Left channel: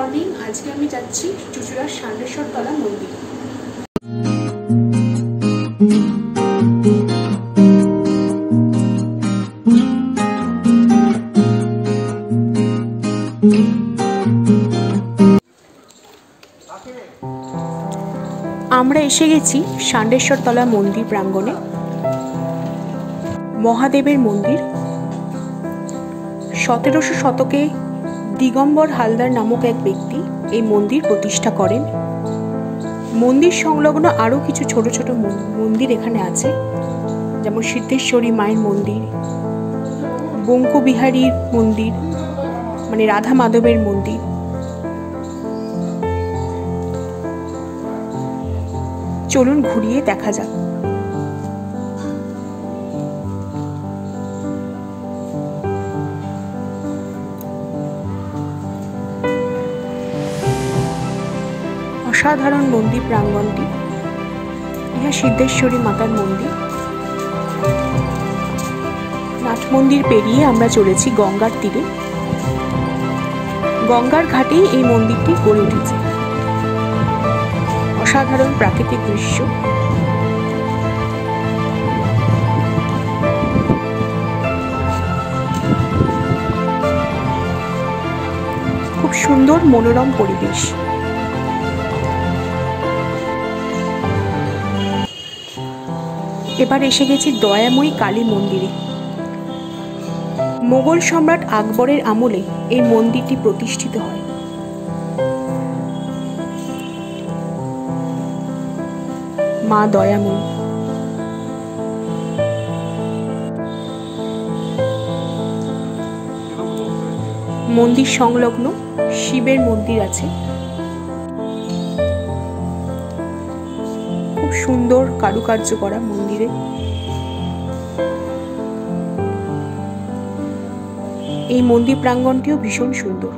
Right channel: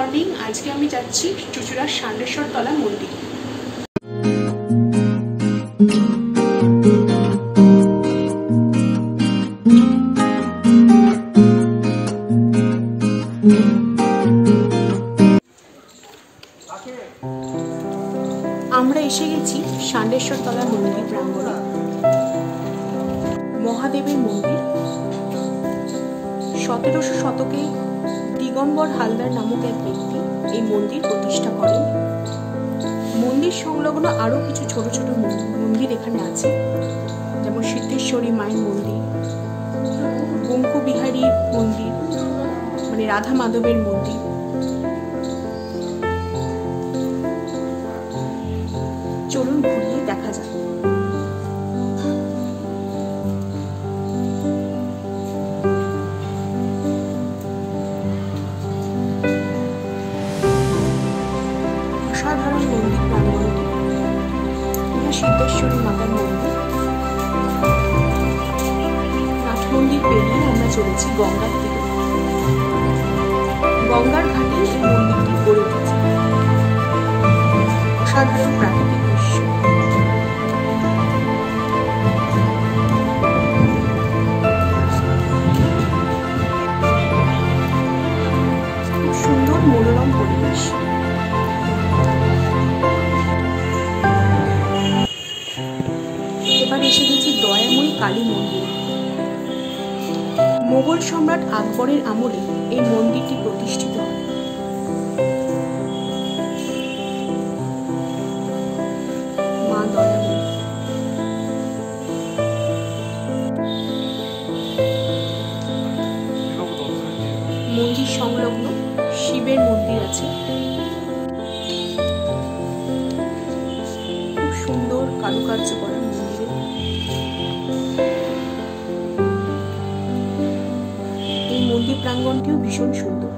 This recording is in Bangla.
মর্নিং। আজকে আমি যাচ্ছি চুঁচুড়ার ষান্ডেশ্বর তলা মন্দির। আমরা এসে গেছি ষান্ডেশ্বর তলা মন্দির প্রাঙ্গণে। মহাদেবের মন্দির। 1700 শতকে দিগম্বর হালদার নামক এক ব্যক্তি এই মন্দির প্রতিষ্ঠা করেন। মন্দির সংলগ্ন আরো কিছু ছোট ছোট মন্দির এখানে আছে, যেমন সিদ্ধেশ্বরী মায়ের মন্দির, বঙ্কুবিহারীর মন্দির মানে রাধা মাধবের মন্দির। চলুন ঘুরিয়ে দেখা যাক। অসাধারণ মন্দির প্রাঙ্গণটি। ইহা সিদ্ধেশ্বরী মাতার মন্দির। নাথ মন্দির পেরিয়ে আমরা চলেছি গঙ্গার তীরে। গঙ্গার ঘাটেই এই মন্দিরটি গড়ে উঠেছে। অসাধারণ প্রাকৃতিক দৃশ্য। খুব সুন্দর মনোরম পরিবেশ। এবার এসে গেছি দয়াময়ী কালী মন্দিরে। মোগল সম্রাট আকবরের আমলে এই মন্দিরটি প্রতিষ্ঠিত হয়। মা দয়াময়ী। মন্দির সংলগ্ন শিবের মন্দির আছে। খুব সুন্দর কারুকার্য করা মন্দিরে। এই মন্দির প্রাঙ্গণটিও ভীষণ সুন্দর।